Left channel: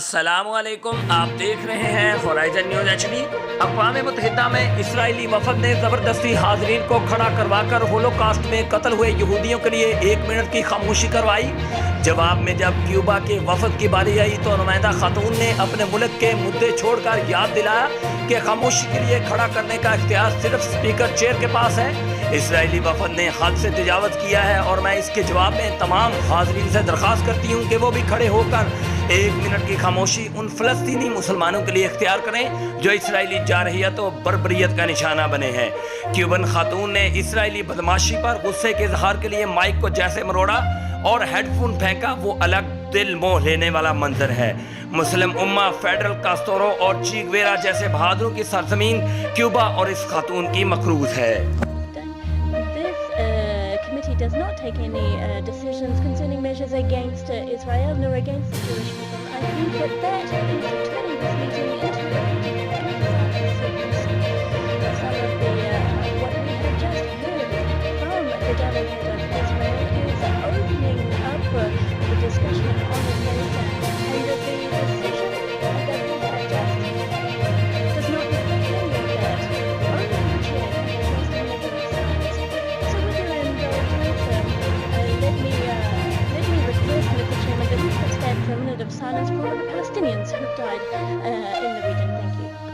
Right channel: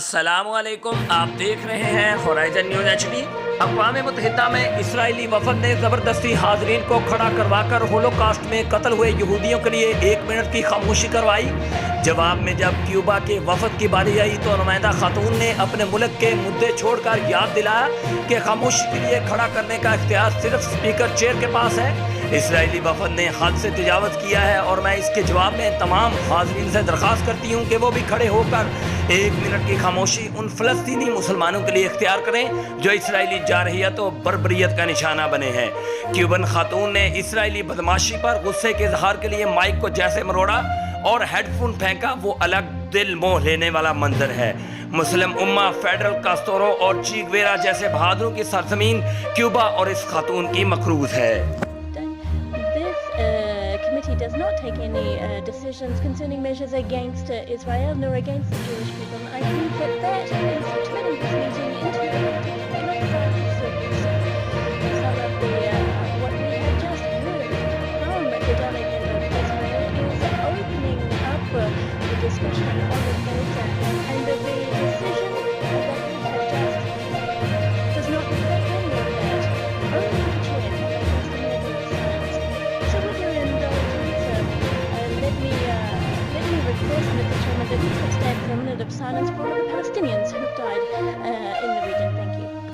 السلام علیکم، آپ دیکھ رہے ہیں حاضرین نیوز HD۔ اقوام متحدہ میں اسرائیلی وفد نے زبردستی حاضرین کو کھڑا کروا کر ہولوکاسٹ میں قتل ہوئے یہودیوں کے لیے 1 منٹ کی خاموشی کروائی۔ جواب میں جب کیوبا کے وفد کی باری آئی تو نمائندہ خاتون نے اپنے ملک کے مدعے چھوڑ کر یاد دلایا کہ خاموشی کے لیے کھڑا کرنے کا اختیار صرف اسپیکر چیئر کے پاس ہے۔ اسرائیلی وفد نے حد سے تجاوز کیا ہے اور میں اس کے جواب میں تمام حاضرین سے درخواست کرتی ہوں کہ وہ بھی کھڑے ہو کر 1 منٹ کی خاموشی ان فلسطینی مسلمانوں کے لیے اختیار کریں جو اسرائیلی جارحیت و بربریت کا نشانہ بنے ہیں۔ کیوبن خاتون نے اسرائیلی بدماشی پر غصے کے اظہار کے لیے مائک کو جیسے مروڑا اور ہیڈ فون پھینکا، وہ الگ دل موہ لینے والا منظر ہے۔ مسلم امہ فیڈرل کاستورو اور چی گویرا جیسے بہادروں کی سرزمین کیوبا اور اس خاتون کی مقروض ہے۔ Committee does not take any decisions concerning measures against Israel nor against the Jewish people. I think that is turning this meeting into a politicized circus. Some of the what we have just heard from the delegate of Israel is opening up the discussion on the data, and the decision that we have just made does not reflect any of that. Only the chair can request a minute of silence. So with your indulgence, let me request, Mr. Chairman, that we could stand for a minute of silence for all of the Palestinians who died in the region. Thank you.